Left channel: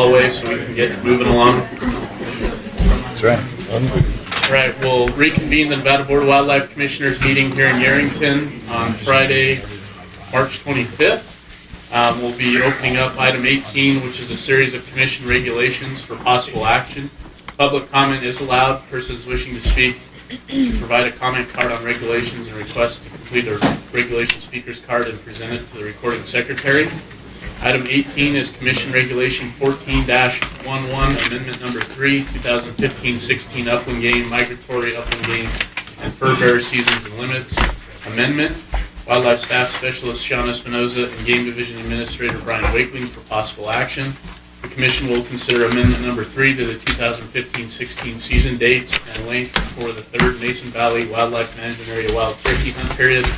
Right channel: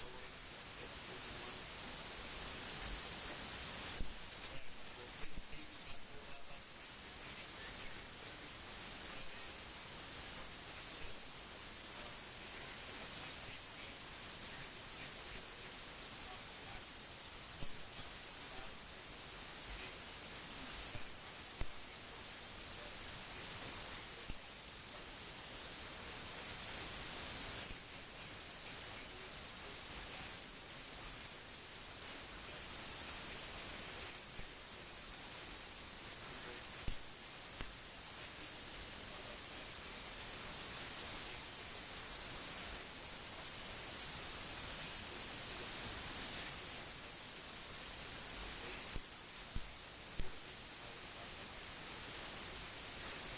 hallway so we can get moving along. That's right. All right, we'll reconvene the Nevada Board of Wildlife Commissioners meeting here in Yerington on Friday, March 25th. We'll be opening up item 18, which is a series of commission regulations for possible action. Public comment is allowed. Persons wishing to speak should provide a comment card on regulations and request to complete a regulation speaker's card and present it to the recording secretary. Item 18 is Commission Regulation 14-11, Amendment Number 3, 2015-16 Upland Game, Migratory Upland Game, and Fur Bearer Seasons and Limits Amendment. Wildlife Staff Specialist Sean Espinoza and Game Division Administrator Brian Wakeling for possible action. The Commission will consider Amendment Number 3 to the 2015-16 season dates and length for the 3rd Mason Valley Wildlife Management Area Wild Turkey Hunt period.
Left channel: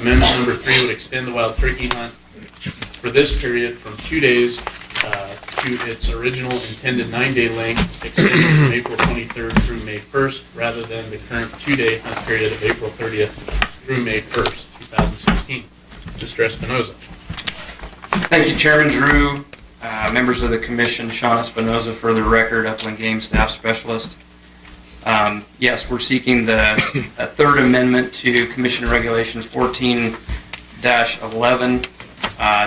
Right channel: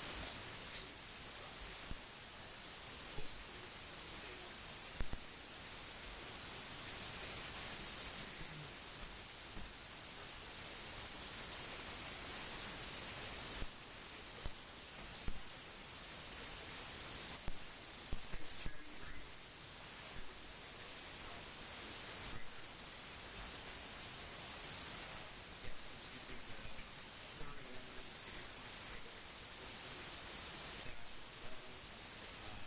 Amendment Number 3 would extend the wild turkey hunt for this period from 2 days to its original intended 9-day length, extended from April 23rd through May 1st, rather than the current 2-day hunt period of April 30th through May 1st, 2016. Mr. Espinoza. Thank you, Chairman Drew, members of the Commission, Sean Espinoza for the record, Upland Game Staff Specialist. Yes, we're seeking a third amendment to Commission Regulations 14-11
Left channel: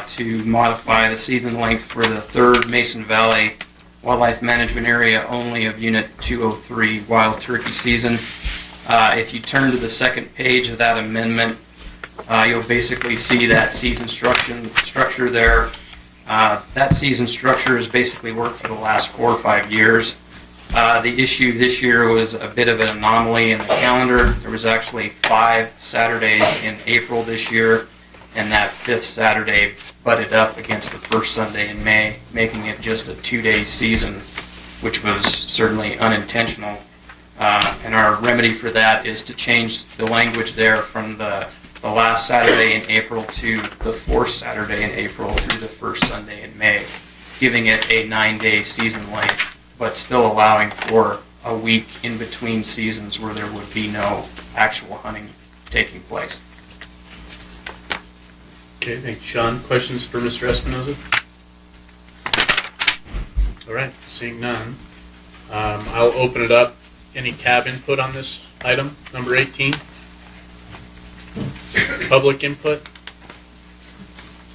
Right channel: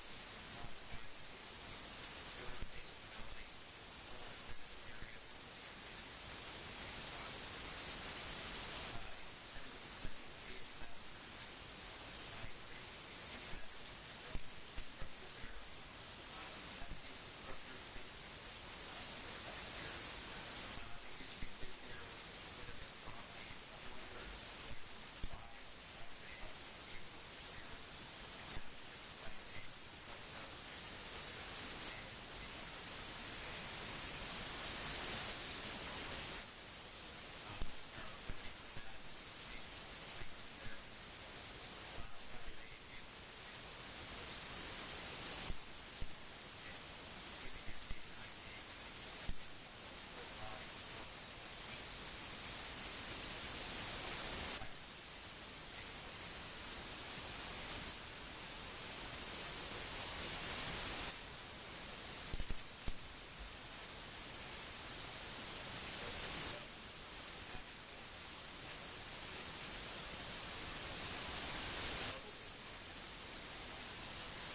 to modify the season length for the 3rd Mason Valley Wildlife Management Area only of Unit 203 Wild Turkey Season. If you turn to the second page of that amendment, you'll basically see that season structure there. That season structure has basically worked for the last 4 or 5 years. The issue this year was a bit of an anomaly in the calendar. There was actually 5 Saturdays in April this year, and that 5th Saturday butted up against the 1st Sunday in May, making it just a 2-day season, which was certainly unintentional. And our remedy for that is to change the language there from the last Saturday in April to the 4th Saturday in April through the 1st Sunday in May, giving it a 9-day season length, but still allowing for a week in between seasons where there would be no actual hunting taking place. Okay, thank you, Sean. Questions for Mr. Espinoza? All right, seeing none, I'll open it up. Any cab input on this item, number 18? Public input?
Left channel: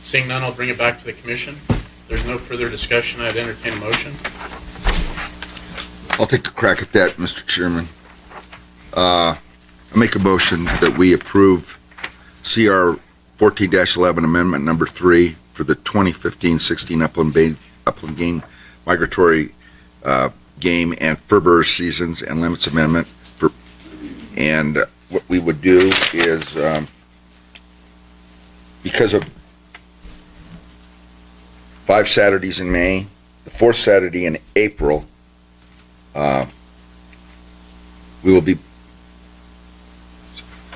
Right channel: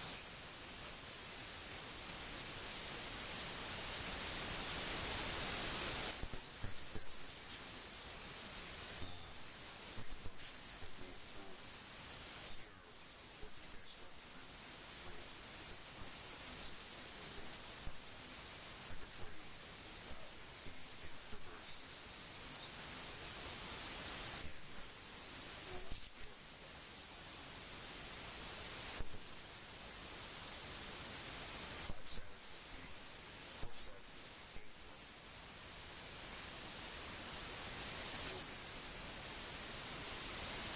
Seeing none, I'll bring it back to the Commission. If there's no further discussion, I'd entertain a motion. I'll take the crack at that, Mr. Chairman. I make a motion that we approve CR 14-11 Amendment Number 3 for the 2015-16 Upland Game Migratory Game and Fur Bearer Seasons and Limits Amendment. And what we would do is, because of 5 Saturdays in May, the 4th Saturday in April, we will be,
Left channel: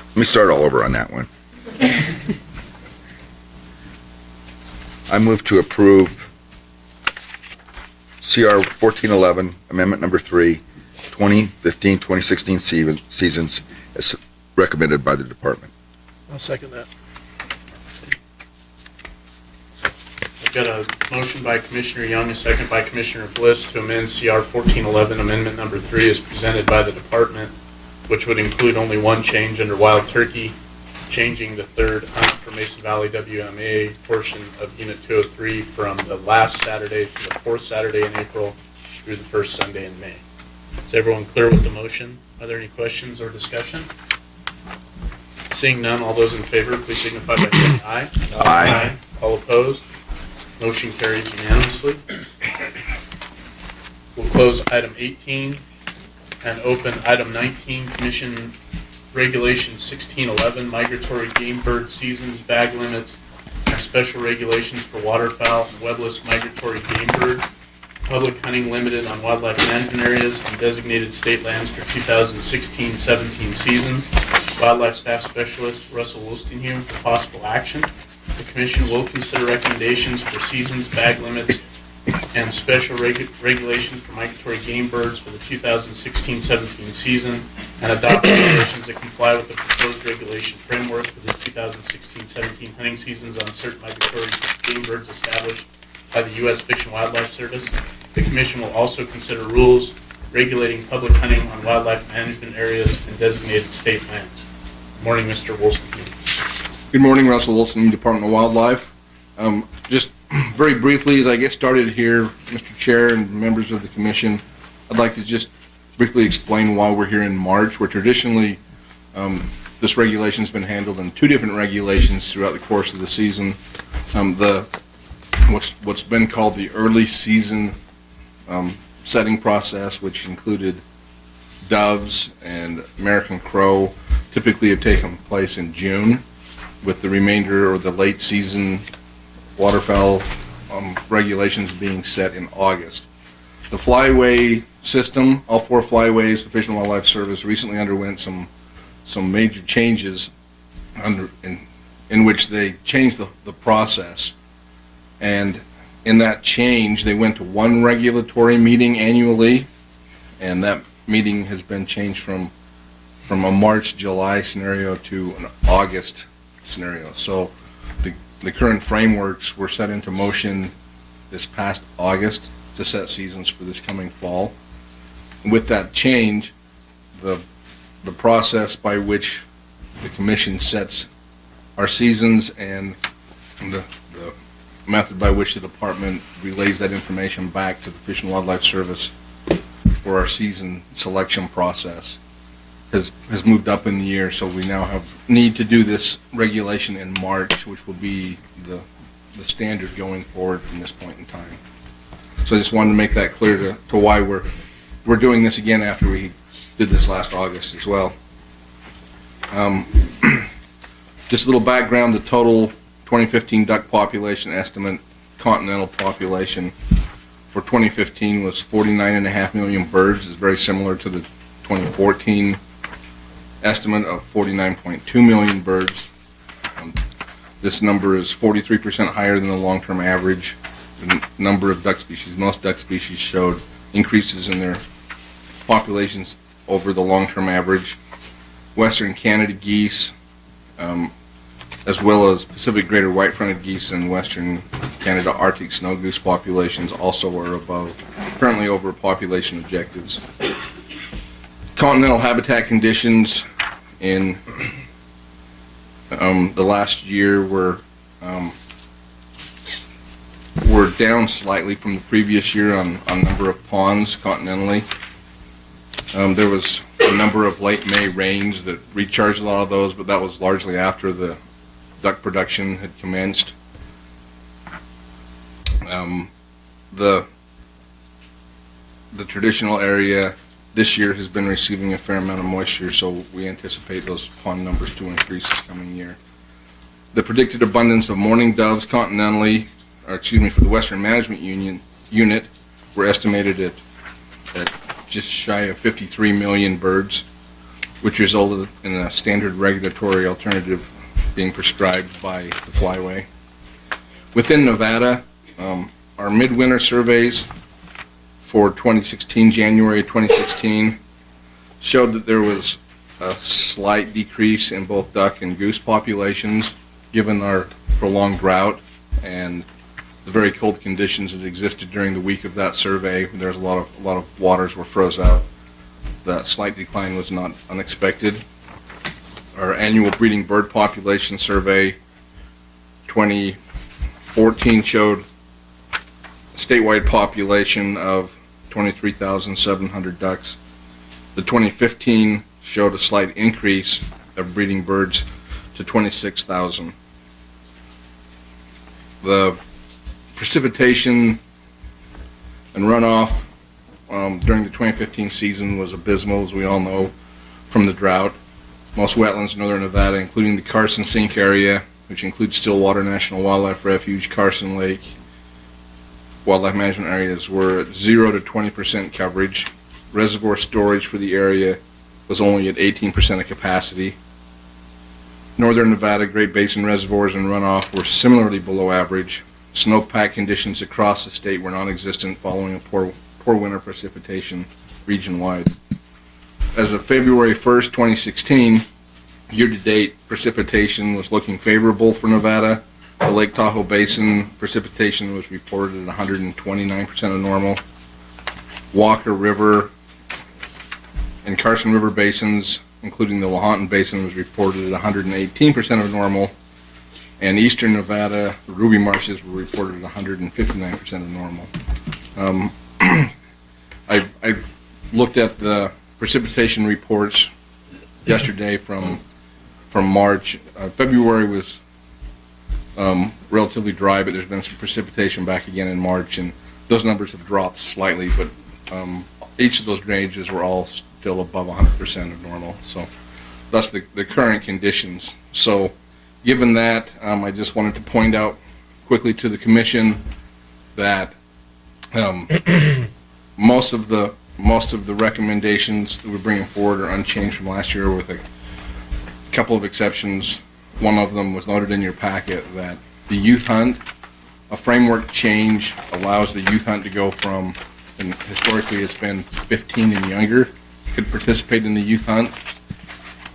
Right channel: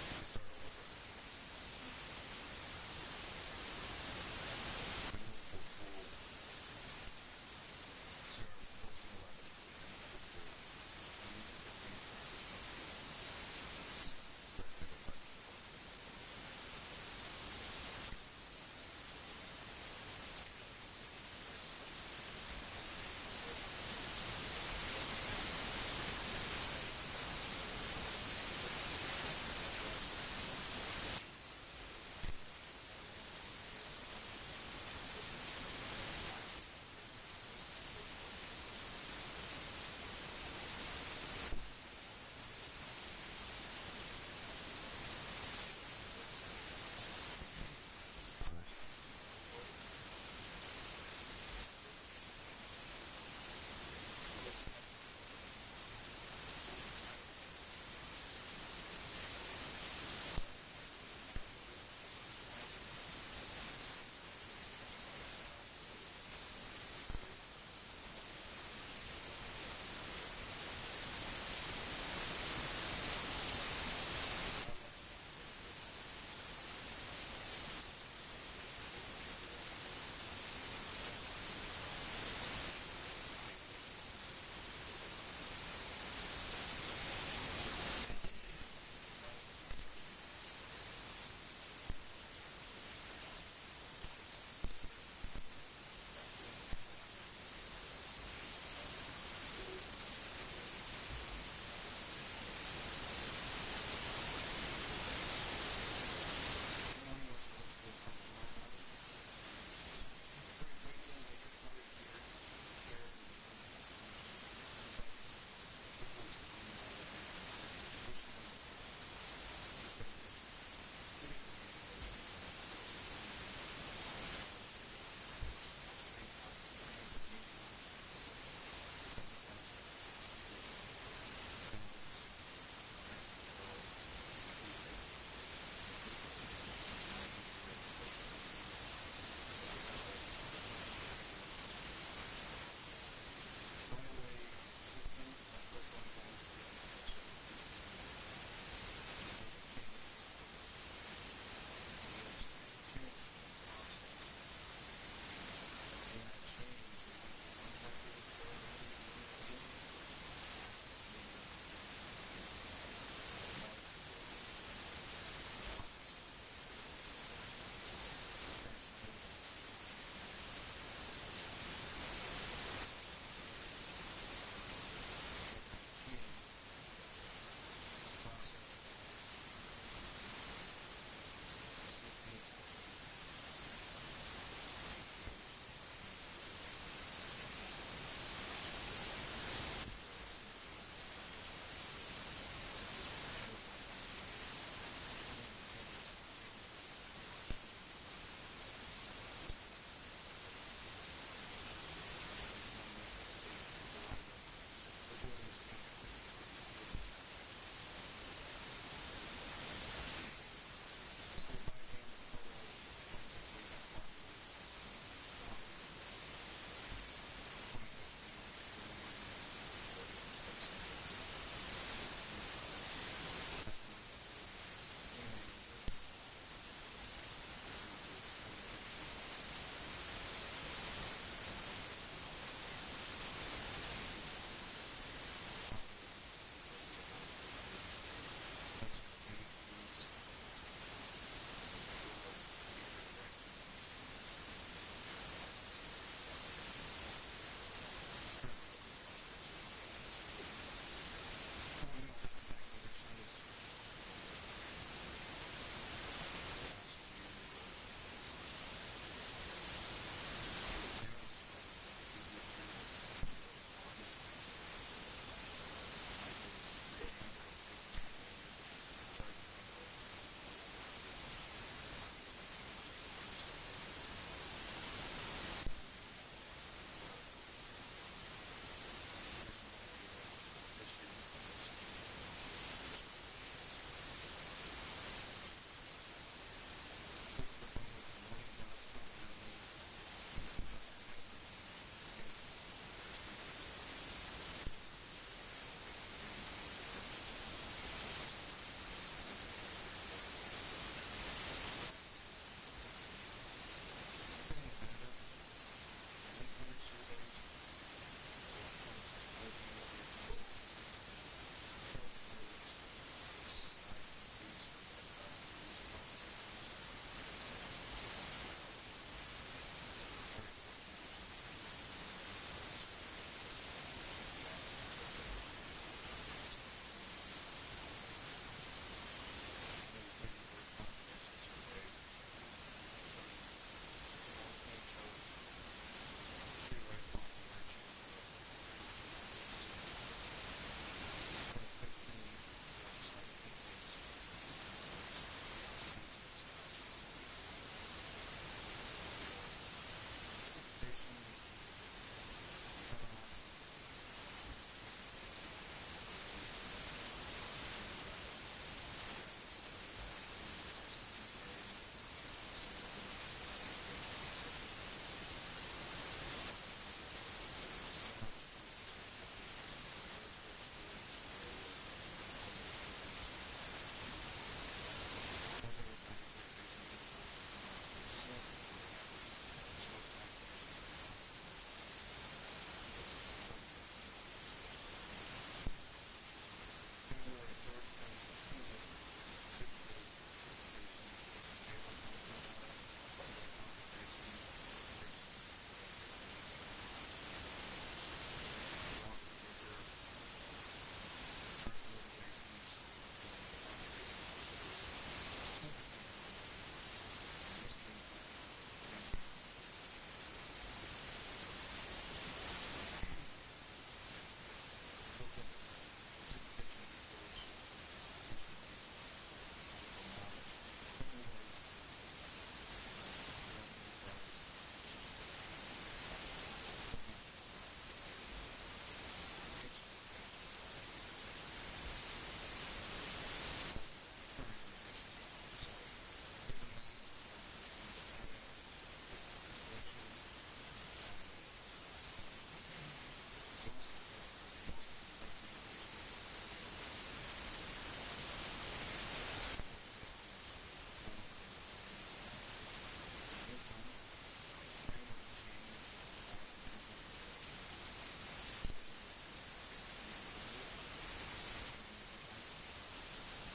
let me start all over on that one. I move to approve CR 1411, Amendment Number 3, 2015-2016 seasons as recommended by the Department. I'll second that. I've got a motion by Commissioner Young, a second by Commissioner Bliss to amend CR 1411 Amendment Number 3 as presented by the Department, which would include only one change under wild turkey, changing the 3rd hunt for Mason Valley WMA portion of Unit 203 from the last Saturday to the 4th Saturday in April through the 1st Sunday in May. Is everyone clear with the motion? Are there any questions or discussion? Seeing none, all those in favor, please signify by saying aye. Aye. All opposed? Motion carries unanimously. We'll close item 18 and open item 19, Commission Regulation 1611, Migratory Game Bird Seasons, Bag Limits, and Special Regulations for Waterfowl and Webless Migratory Game Bird. Public hunting limited on wildlife management areas and designated state lands for 2016-17 seasons. Wildlife Staff Specialist Russell Wolstenhume for possible action. The Commission will consider recommendations for seasons, bag limits, and special regulations for migratory game birds for the 2016-17 season, and adopt regulations that comply with the proposed regulation framework for the 2016-17 hunting seasons on certain migratory game birds established by the U.S. Fish and Wildlife Service. The commission will also consider rules regulating public hunting on wildlife management areas and designated state lands. Good morning, Mr. Wolstenby. Good morning, Russell Wilson, Department of Wildlife. Just very briefly, as I get started here, Mr. Chair and members of the commission, I'd like to just briefly explain why we're here in March, where traditionally this regulation has been handled in two different regulations throughout the course of the season. What's been called the early season setting process, which included doves and American crow, typically have taken place in June, with the remainder or the late season waterfowl regulations being set in August. The flyway system, all four flyways, the Fish and Wildlife Service recently underwent some major changes in which they changed the process. And in that change, they went to one regulatory meeting annually, and that meeting has been changed from a March-July scenario to an August scenario. So the current frameworks were set into motion this past August to set seasons for this coming fall. With that change, the process by which the commission sets our seasons and the method by which the department relays that information back to the Fish and Wildlife Service for our season selection process has moved up in the year, so we now need to do this regulation in March, which will be the standard going forward from this point in time. So I just wanted to make that clear to why we're doing this again after we did this last August as well. Just a little background, the total 2015 duck population estimate, continental population for 2015 was 49.5 million birds. It's very similar to the 2014 estimate of 49.2 million birds. This number is 43% higher than the long-term average. The number of duck species, most duck species showed increases in their populations over the long-term average. Western Canada geese, as well as Pacific greater white-fronted geese and Western Canada Arctic snow goose populations also are currently over population objectives. Continental habitat conditions in the last year were down slightly from the previous year on number of ponds continentally. There was a number of late May rains that recharged a lot of those, but that was largely after the duck production had commenced. The traditional area this year has been receiving a fair amount of moisture, so we anticipate those pond numbers to increase this coming year. The predicted abundance of mourning doves continentally, for the Western Management Unit, were estimated at just shy of 53 million birds, which resulted in a standard regulatory alternative being prescribed by the flyway. Within Nevada, our midwinter surveys for 2016, January 2016, showed that there was a slight decrease in both duck and goose populations given our prolonged drought and the very cold conditions that existed during the week of that survey. There's a lot of waters were froze out. That slight decline was not unexpected. Our annual breeding bird population survey 2014 showed a statewide population of 23,700 ducks. The 2015 showed a slight increase of breeding birds to 26,000. The precipitation and runoff during the 2015 season was abysmal, as we all know, from the drought. Most wetlands in northern Nevada, including the Carson Sink area, which includes Stillwater National Wildlife Refuge, Carson Lake, wildlife management areas, were at 0 to 20% coverage. Reservoir storage for the area was only at 18% of capacity. Northern Nevada Great Basin reservoirs and runoff were similarly below average. Snowpack conditions across the state were non-existent following a poor winter precipitation region-wide. As of February 1st, 2016, year-to-date precipitation was looking favorable for Nevada. The Lake Tahoe Basin precipitation was reported at 129% of normal. Walker River and Carson River basins, including the Lahontan Basin, was reported at 118% of normal, and eastern Nevada, the Ruby Marshes were reported at 159% of normal. I looked at the precipitation reports yesterday from March. February was relatively dry, but there's been some precipitation back again in March, and those numbers have dropped slightly, but each of those drainages were all still above 100% of normal. So that's the current conditions. So given that, I just wanted to point out quickly to the commission that most of the recommendations that we're bringing forward are unchanged from last year, with a couple of exceptions. One of them was noted in your packet, that the youth hunt, a framework change allows the youth hunt to go from, and historically it's been 15 and younger could participate in the youth hunt,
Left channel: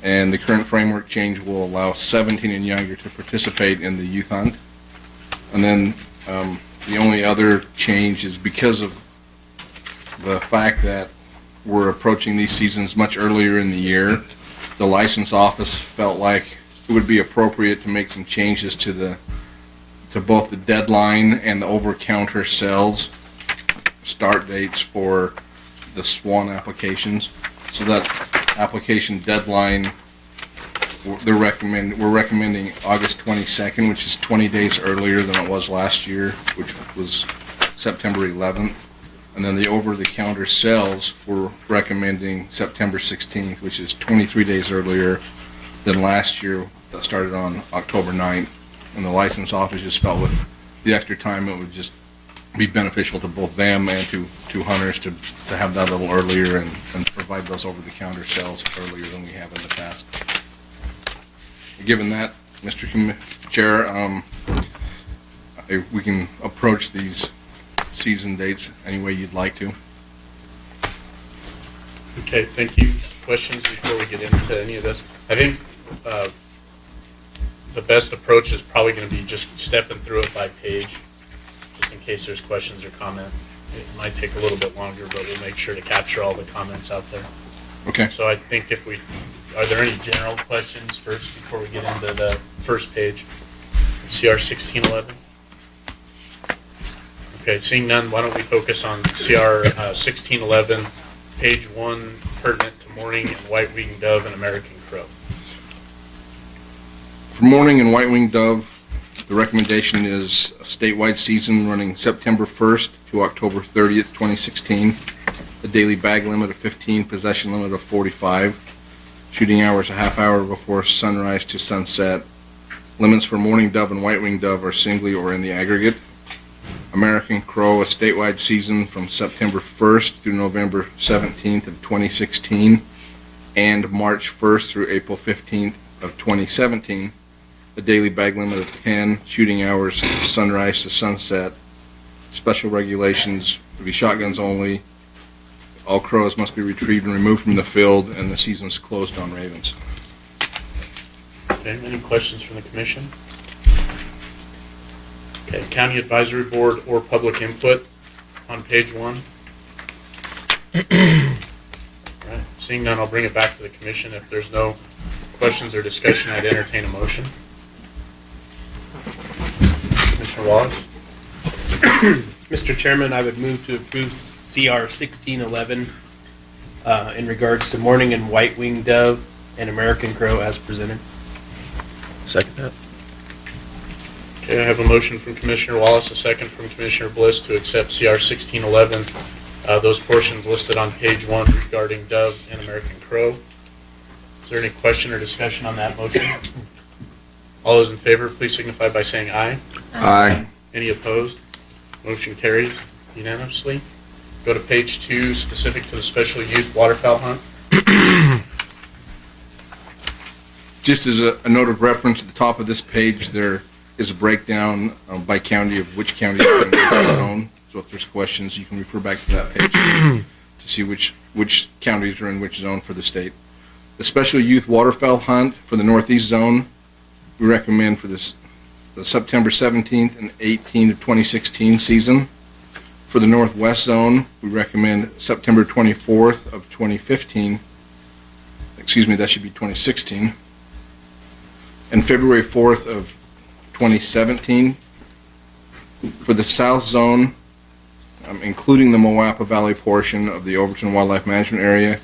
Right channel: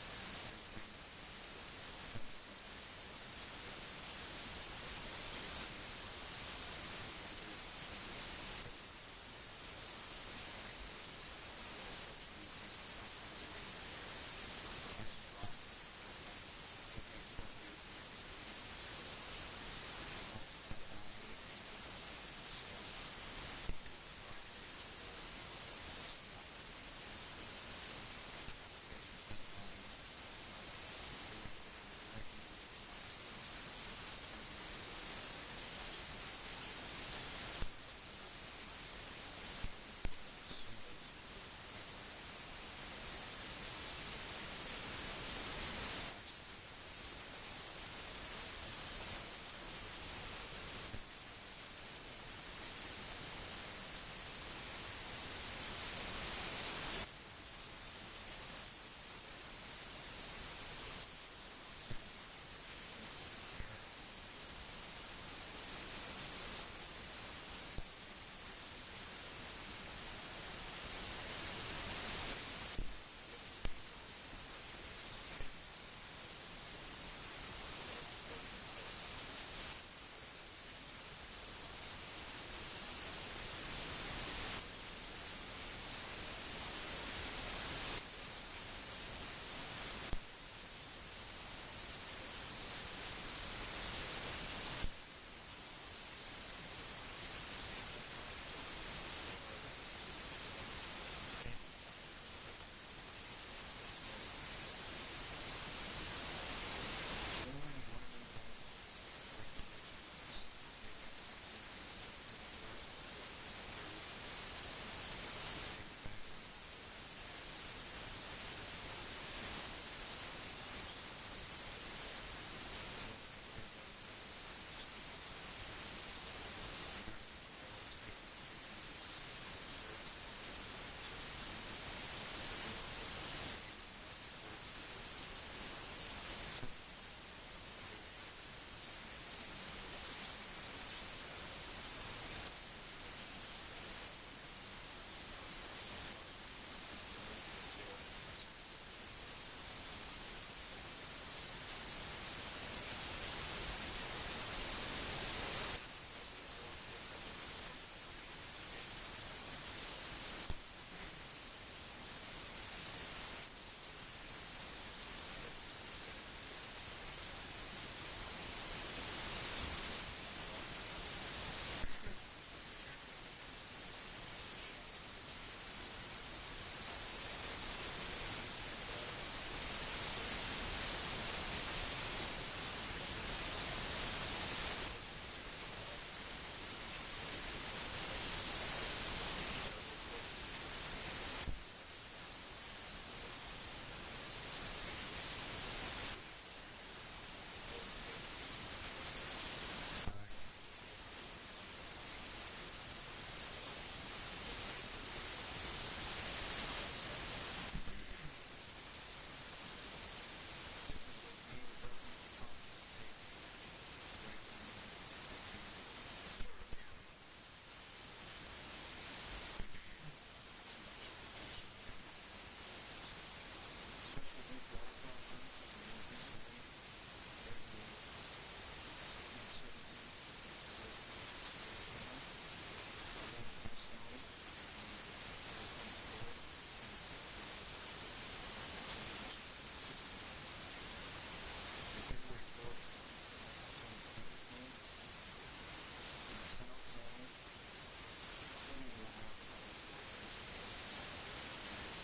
and the current framework change will allow 17 and younger to participate in the youth hunt. And then the only other change is because of the fact that we're approaching these seasons much earlier in the year, the license office felt like it would be appropriate to make some changes to both the deadline and the over-counter sales start dates for the SWAN applications. So that application deadline, we're recommending August 22nd, which is 20 days earlier than it was last year, which was September 11th. And then the over-the-counter sales, we're recommending September 16th, which is 23 days earlier than last year. That started on October 9th. And the license office just felt with the extra time, it would just be beneficial to both them and to hunters to have that a little earlier and provide those over-the-counter sales earlier than we have in the past. Given that, Mr. Chair, we can approach these season dates any way you'd like to. Okay, thank you. Questions before we get into any of this? I think the best approach is probably going to be just stepping through it by page, just in case there's questions or comment. It might take a little bit longer, but we'll make sure to capture all the comments out there. Okay. So I think are there any general questions first before we get into the first page? CR 1611? Okay, seeing none, why don't we focus on CR 1611, page 1, pertinent to mourning and white-winged dove and American crow. For mourning and white-winged dove, the recommendation is a statewide season running September 1st to October 30th, 2016. A daily bag limit of 15, possession limit of 45. Shooting hours a half hour before sunrise to sunset. Limits for mourning dove and white-winged dove are singly or in the aggregate. American crow, a statewide season from September 1st through November 17th of 2016 and March 1st through April 15th of 2017. A daily bag limit of 10, shooting hours sunrise to sunset. Special regulations to be shotguns only. All crows must be retrieved and removed from the field, and the season's closed on ravens. Okay, any questions from the commission? Okay, county advisory board or public input on page 1. All right, seeing none, I'll bring it back to the commission. If there's no questions or discussion, I'd entertain a motion. Commissioner Wallace? Mr. Chairman, I would move to approve CR 1611 in regards to mourning and white-winged dove and American crow as presented. Second that. Okay, I have a motion from Commissioner Wallace, a second from Commissioner Bliss to accept CR 1611, those portions listed on page 1 regarding dove and American crow. Is there any question or discussion on that motion? All those in favor, please signify by saying aye. Aye. Any opposed? Motion carries unanimously. Go to page 2, specific to the special youth waterfowl hunt. Just as a note of reference, at the top of this page, there is a breakdown by county of which county is in which zone. So if there's questions, you can refer back to that page to see which counties are in which zone for the state. The special youth waterfowl hunt for the northeast zone, we recommend for the September 17th and 18th of 2016 season. For the Northwest Zone, we recommend September 24th of 2015. Excuse me, that should be 2016. And February 4th of 2017. For the South Zone, including the Moapa Valley portion of the Overton Wildlife Management Area,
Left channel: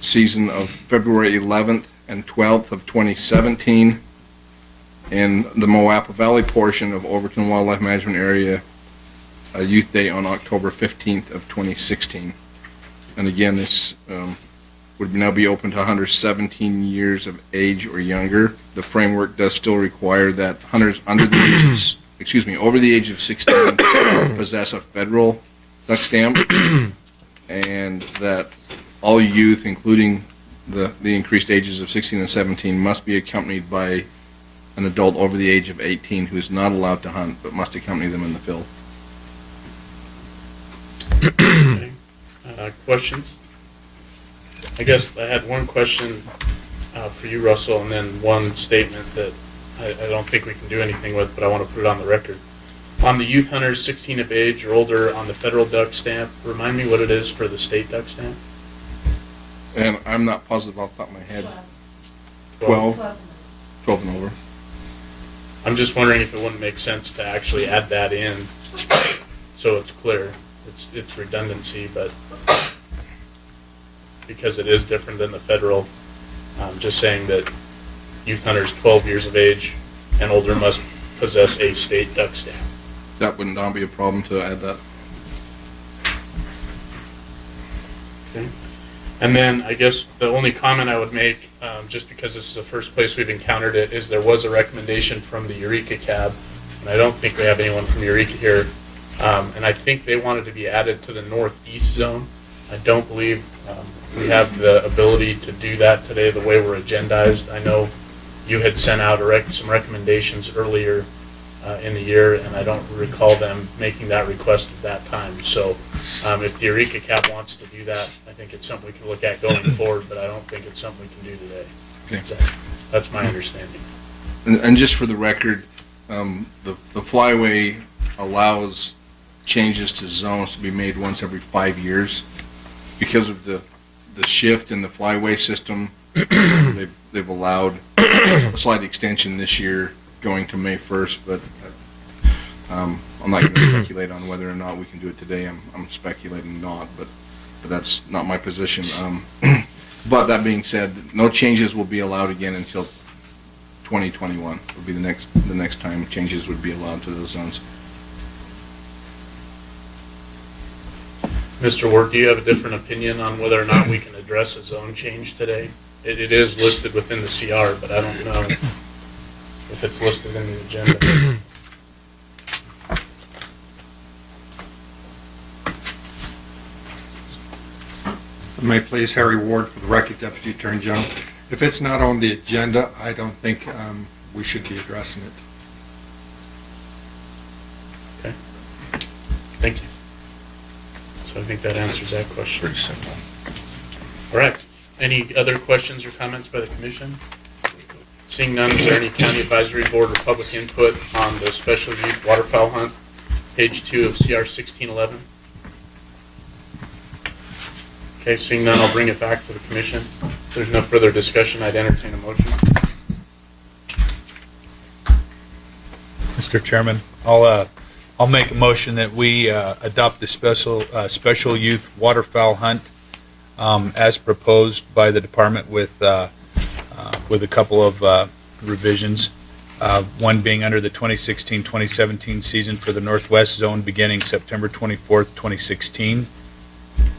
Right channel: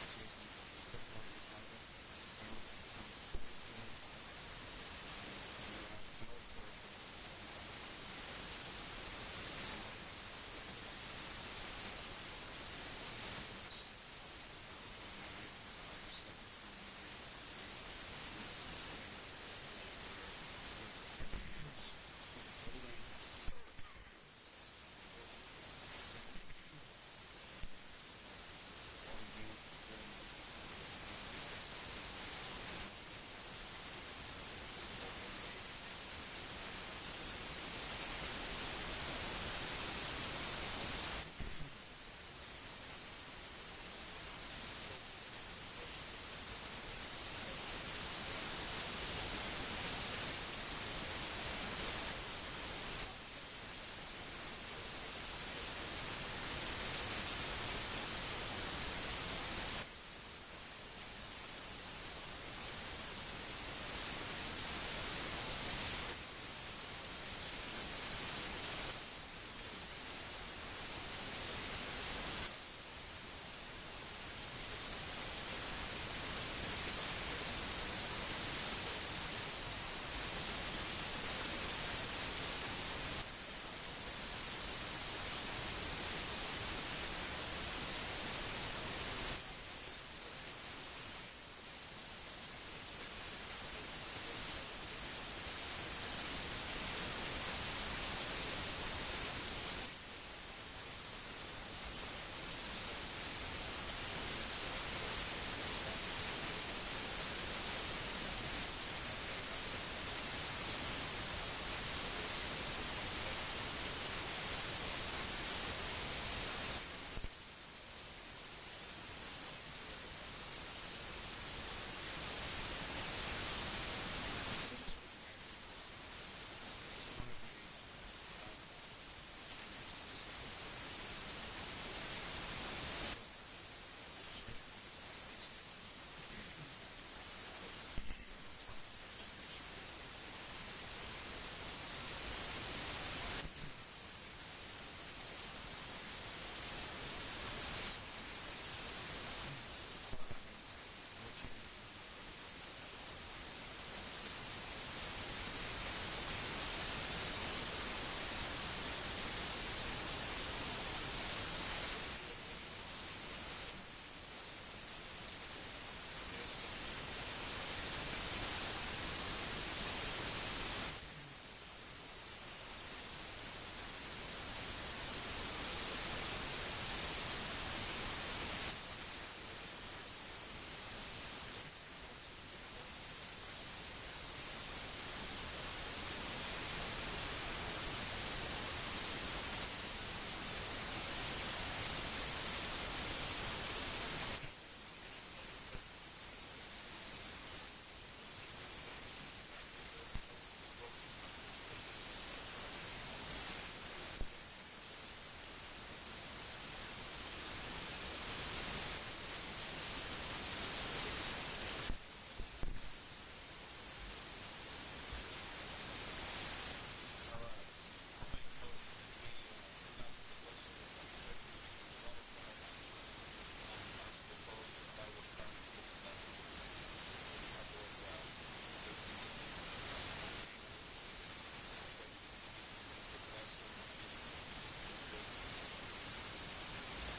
season of February 11th and 12th of 2017, and the Moapa Valley portion of Overton Wildlife Management Area, a youth day on October 15th of 2016. And again, this would now be open to hunters 17 years of age or younger. The framework does still require that hunters under the age of, over the age of 16 possess a federal duck stamp, and that all youth, including the increased ages of 16 and 17, must be accompanied by an adult over the age of 18 who is not allowed to hunt but must accompany them in the field. Okay. Questions? I guess I had one question for you, Russell, and then one statement that I don't think we can do anything with, but I want to put it on the record. On the youth hunters 16 of age or older on the federal duck stamp, remind me what it is for the state duck stamp? And I'm not positive off the top of my head. 12 and over. I'm just wondering if it wouldn't make sense to actually add that in so it's clear. It's redundancy, but because it is different than the federal, just saying that youth hunters 12 years of age and older must possess a state duck stamp. That would not be a problem to add that. Okay. And then I guess the only comment I would make, just because this is the first place we've encountered it, is there was a recommendation from the Eureka Cab, and I don't think we have anyone from Eureka here, and I think they wanted to be added to the northeast zone. I don't believe we have the ability to do that today the way we're agendized. I know you had sent out some recommendations earlier in the year, and I don't recall them making that request at that time. So if the Eureka Cap wants to do that, I think it's something we can look at going forward, but I don't think it's something we can do today. Okay. So that's my understanding. And just for the record, the flyway allows changes to zones to be made once every 5 years. Because of the shift in the flyway system, they've allowed a slight extension this year going to May 1st, but I'm not going to speculate on whether or not we can do it today. I'm speculating not, but that's not my position. But that being said, no changes will be allowed again until 2021 would be the next time changes would be allowed to those zones. Mr. Ward, do you have a different opinion on whether or not we can address a zone change today? It is listed within the CR, but I don't know if it's listed in the agenda. May I please, Harry Ward for the record, Deputy Attorney General. If it's not on the agenda, I don't think we should be addressing it. Okay. Thank you. So I think that answers that question. Pretty simple. All right. Any other questions or comments by the commission? Seeing none, is there any county advisory board or public input on the special youth waterfowl hunt, page 2 of CR 1611? Okay, seeing none, I'll bring it back to the commission. If there's no further discussion, I'd entertain a motion. Mr. Chairman, I'll make a motion that we adopt the special youth waterfowl hunt as proposed by the department with a couple of revisions. One being under the 2016-2017 season for the Northwest Zone beginning September 24th, 2016.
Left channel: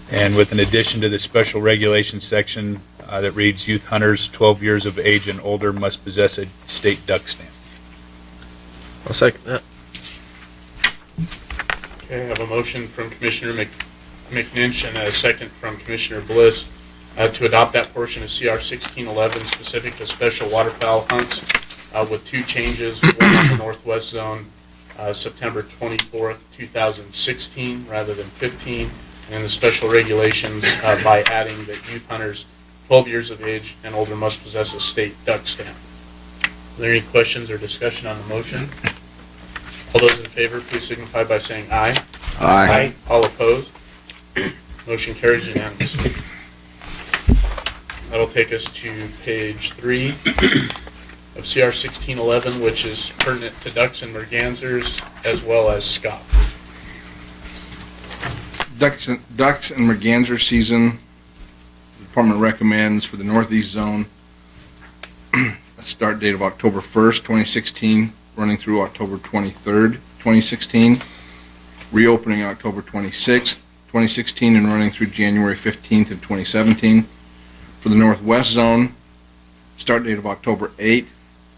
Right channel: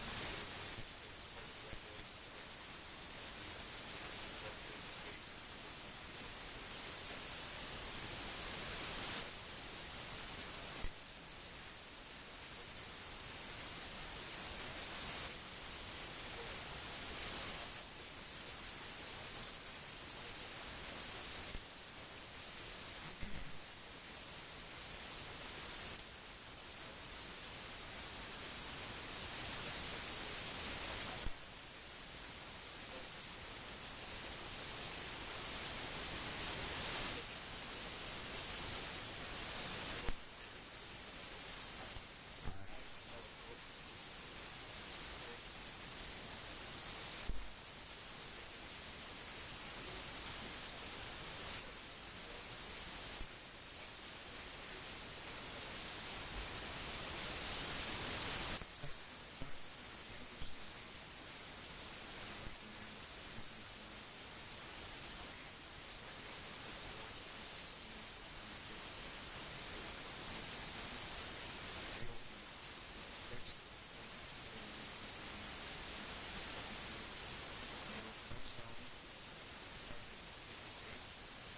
And with an addition to the special regulation section that reads, youth hunters 12 years of age and older must possess a state duck stamp. I'll second that. Okay, I have a motion from Commissioner McNinch and a second from Commissioner Bliss to adopt that portion of CR 1611 specific to special waterfowl hunts with two changes. One on the Northwest Zone, September 24th, 2016 rather than 15, and the special regulations by adding that youth hunters 12 years of age and older must possess a state duck stamp. Are there any questions or discussion on the motion? All those in favor, please signify by saying aye. Aye. All opposed? Motion carries unanimously. That'll take us to page 3 of CR 1611, which is pertinent to ducks and mergansers as well as SCOP. Ducks and merganser season, the department recommends for the northeast zone a start date of October 1st, 2016, running through October 23rd, 2016. Reopening October 26th, 2016, and running through January 15th of 2017. For the northwest zone, start date of October 8th,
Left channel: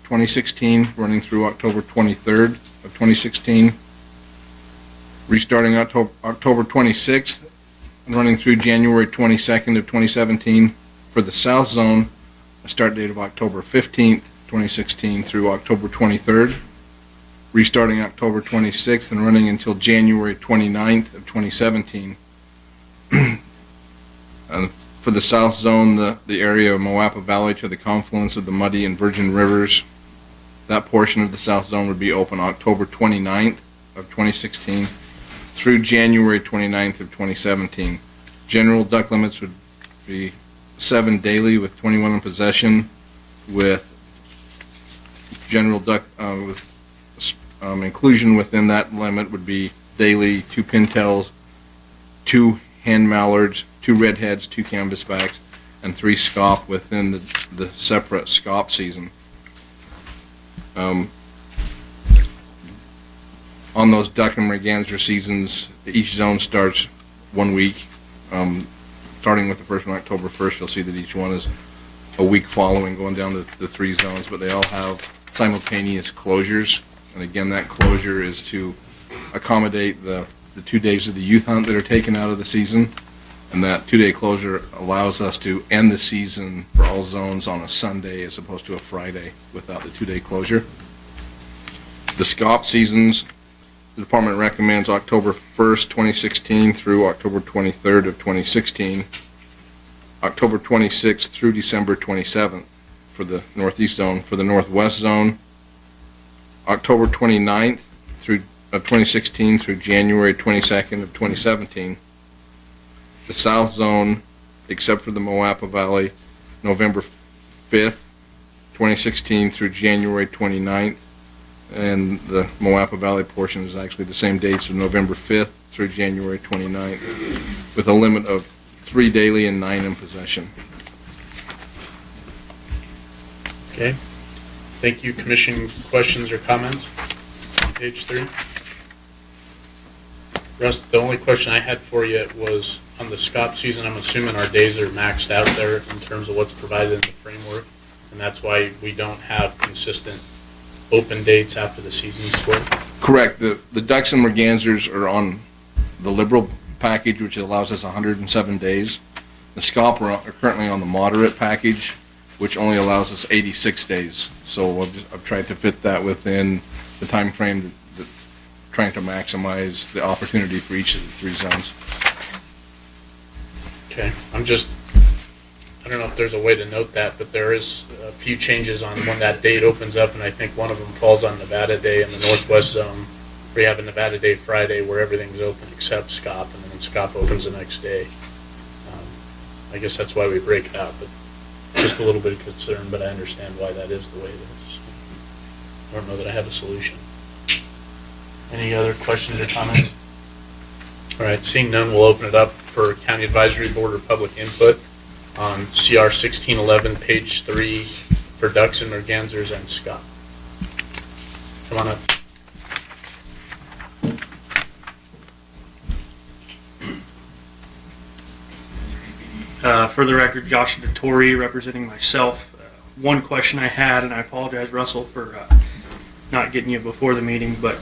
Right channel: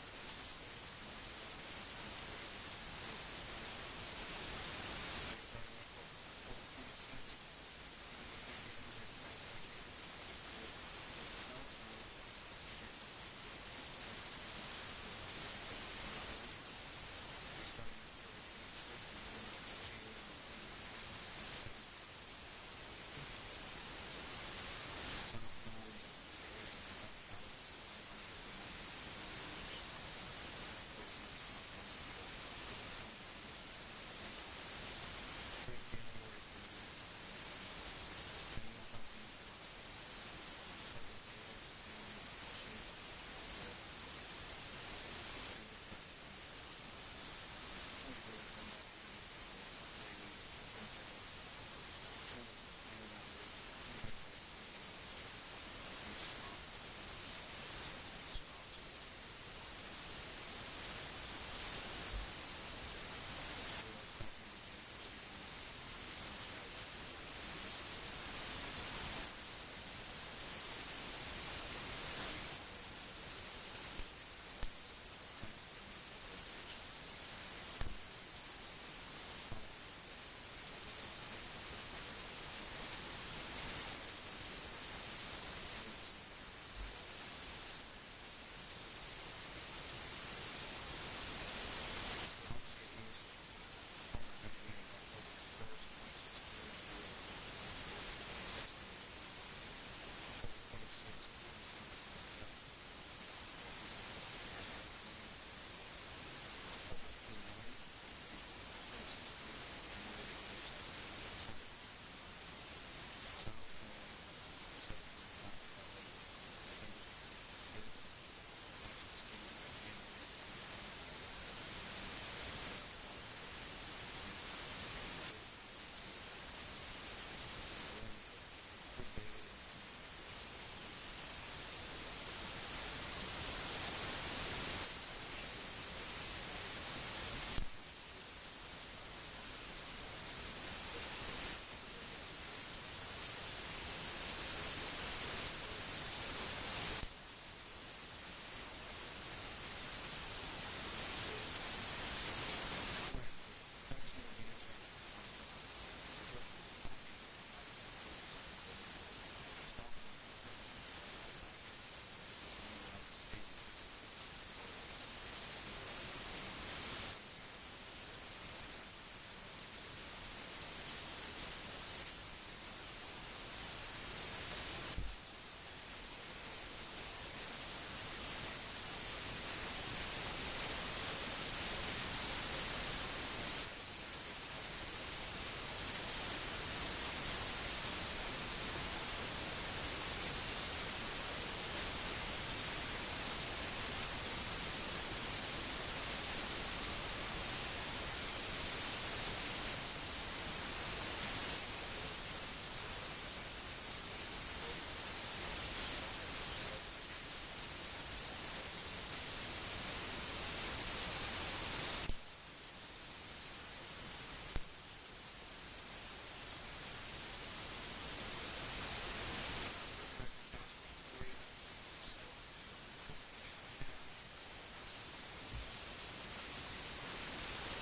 2016, running through October 23rd of 2016. Restarting October 26th and running through January 22nd of 2017. For the south zone, a start date of October 15th, 2016 through October 23rd. Restarting October 26th and running until January 29th of 2017. For the south zone, the area of Moapa Valley to the confluence of the Muddy and Virgin Rivers, that portion of the south zone would be open October 29th of 2016 through January 29th of 2017. General duck limits would be 7 daily with 21 in possession, with general duck with inclusion within that limit would be daily 2 pintails, 2 hand mallards, 2 redheads, 2 canvasbacks, and 3 scaup within the separate scaup season. On those duck and merganser seasons, each zone starts 1 week. Starting with the first one, October 1st, you'll see that each one is a week following, going down the 3 zones, but they all have simultaneous closures. And again, that closure is to accommodate the 2 days of the youth hunt that are taken out of the season. And that 2-day closure allows us to end the season for all zones on a Sunday as opposed to a Friday without the 2-day closure. The SCOP seasons, the department recommends October 1st, 2016 through October 23rd of 2016, October 26th through December 27th for the northeast zone. For the northwest zone, October 29th of 2016 through January 22nd of 2017. The south zone, except for the Moapa Valley, November 5th, 2016 through January 29th. And the Moapa Valley portion is actually the same dates of November 5th through January 29th, with a limit of 3 daily and 9 in possession. Okay. Thank you. Commission questions or comments on page 3? Russ, the only question I had for you was on the SCOP season. I'm assuming our days are maxed out there in terms of what's provided in the framework, and that's why we don't have consistent open dates after the season's split? Correct. The ducks and mergansers are on the liberal package, which allows us 107 days. The SCOP are currently on the moderate package, which only allows us 86 days. So I've tried to fit that within the time frame that trying to maximize the opportunity for each of the 3 zones. Okay, I don't know if there's a way to note that, but there is a few changes on when that date opens up, and I think one of them falls on Nevada Day in the northwest zone, where you have a Nevada Day Friday where everything's open except SCOP, and then SCOP opens the next day. I guess that's why we break it out, but just a little bit of concern, but I understand why that is the way it is. I don't know that I have a solution. Any other questions or comments? All right, seeing none, we'll open it up for County Advisory Board or public input on CR 1611, page 3, for ducks and mergansers and SCOP. Come on up. For the record, Josh Vittori representing myself. One question I had, and I apologize, Russell, for not getting you before the meeting, but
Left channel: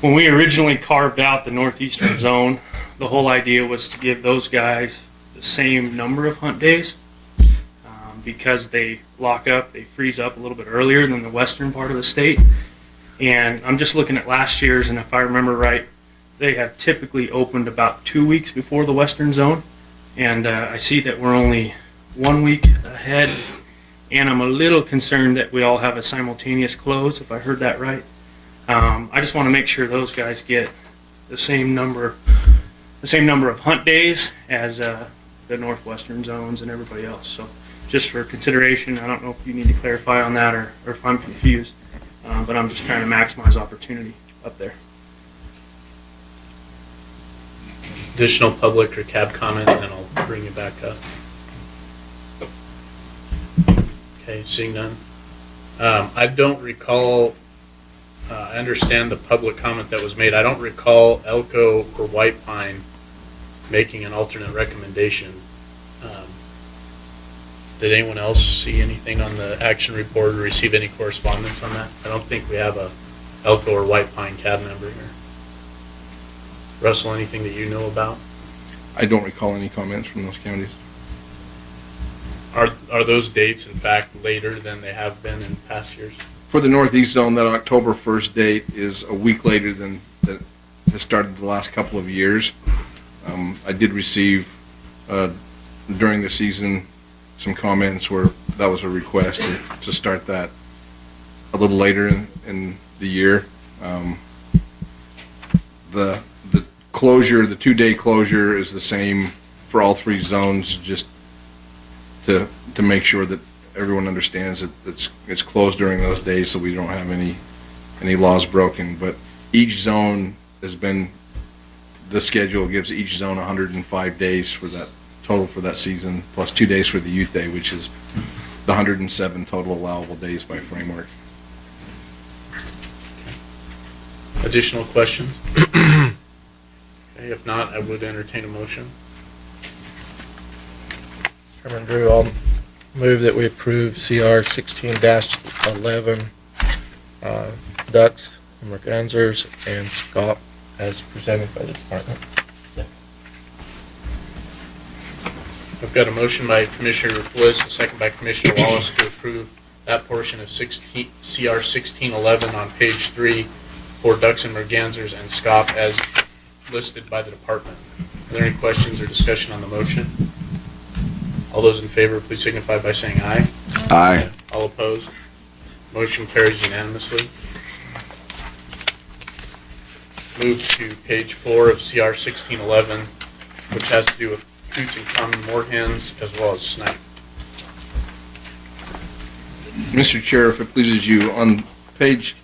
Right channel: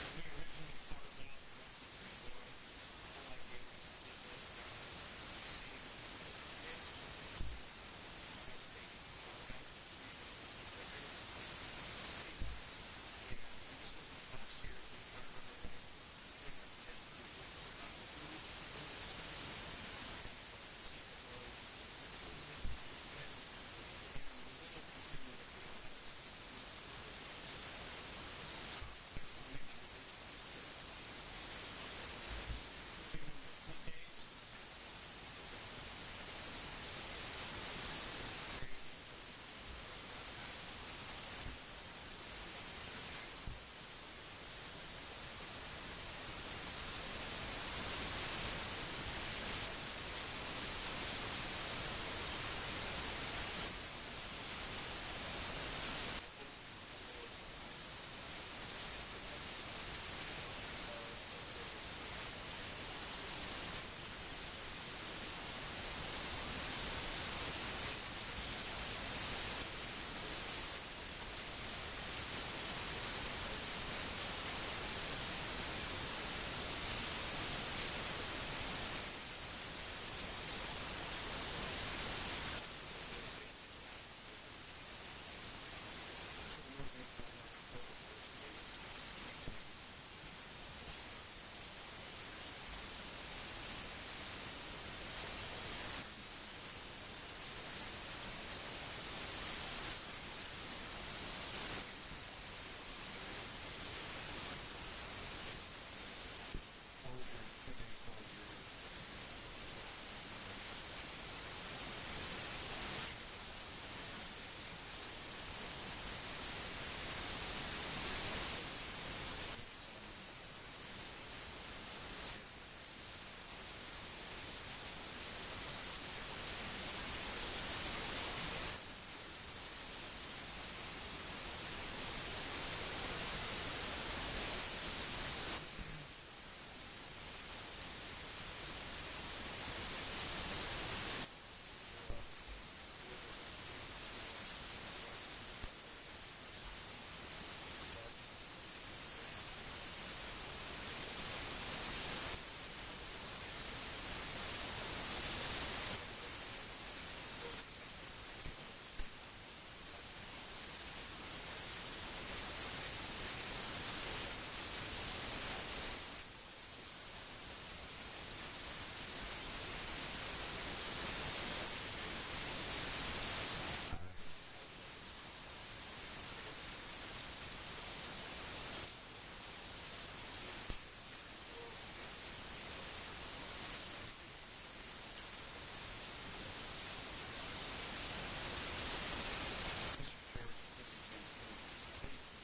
when we originally carved out the northeastern zone, the whole idea was to give those guys the same number of hunt days because they lock up, they freeze up a little bit earlier than the western part of the state. And I'm just looking at last year's, and if I remember right, they have typically opened about 2 weeks before the western zone. And I see that we're only 1 week ahead, and I'm a little concerned that we all have a simultaneous close, if I heard that right. I just want to make sure those guys get the same number of hunt days as the northwestern zones and everybody else. So just for consideration, I don't know if you need to clarify on that or if I'm confused, but I'm just trying to maximize opportunity up there. Additional public or cab comment, and then I'll bring you back up. Okay, seeing none. I don't recall, I understand the public comment that was made. I don't recall Elko or White Pine making an alternate recommendation. Did anyone else see anything on the action report or receive any correspondence on that? I don't think we have a Elko or White Pine cab member here. Russell, anything that you know about? I don't recall any comments from those counties. Are those dates in fact later than they have been in past years? For the Northeast Zone, that October 1st date is a week later than that has started the last couple of years. I did receive during the season some comments where that was a request to start that a little later in the year. The closure, the 2-day closure is the same for all 3 zones, just to make sure that everyone understands that it's closed during those days so we don't have any laws broken. But each zone has been, the schedule gives each zone 105 days for that total for that season, plus 2 days for the youth day, which is the 107 total allowable days by framework. Additional questions? Okay, if not, I would entertain a motion. Chairman Drew, I'll move that we approve CR 16-11, ducks, mergansers, and scop as presented by the department. I've got a motion by Commissioner Bliss, a second by Commissioner Wallace to approve that portion of CR 1611 on page 3 for ducks and mergansers and scop as listed by the department. Are there any questions or discussion on the motion? All those in favor, please signify by saying aye. Aye. All opposed? Motion carries unanimously. Move to page 4 of CR 1611, which has to do with coots and common moorhens as well as snipe. Mr. Chair, if it pleases you, on page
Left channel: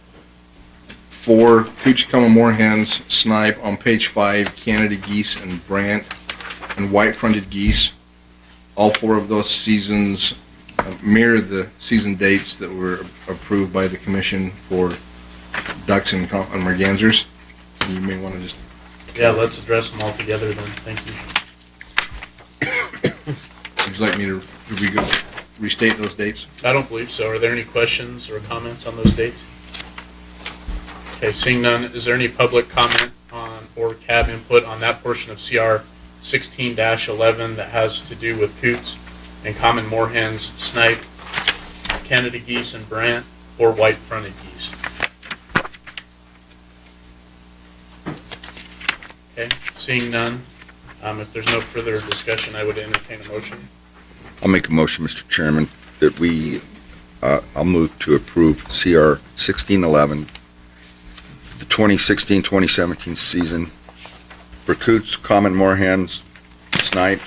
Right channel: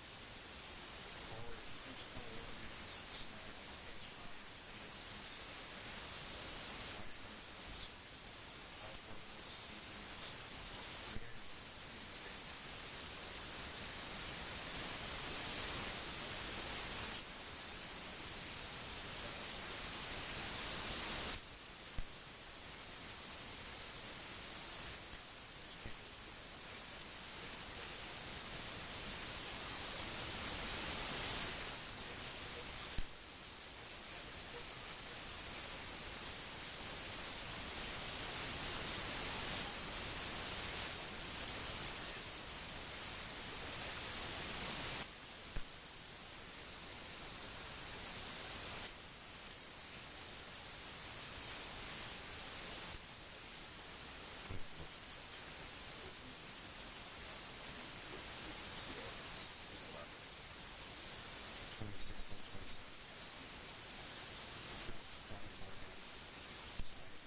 4, cooch, common moorhens, snipe. On page 5, Canada geese and brant and white-fronted geese. All 4 of those seasons mirror the season dates that were approved by the commission for ducks and mergansers. You may want to just... Yeah, let's address them all together then. Thank you. Would you like me to restate those dates? I don't believe so. Are there any questions or comments on those dates? Okay, seeing none, is there any public comment on or cab input on that portion of CR 16-11 that has to do with coots and common moorhens, snipe, Canada geese and brant, or white-fronted geese? Okay, seeing none, if there's no further discussion, I would entertain a motion. I'll make a motion, Mr. Chairman, that I'll move to approve CR 1611, the 2016-2017 season for coots, common moorhens, snipe,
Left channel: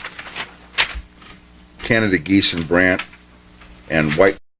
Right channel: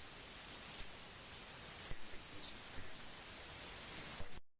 Canada geese and brant, and white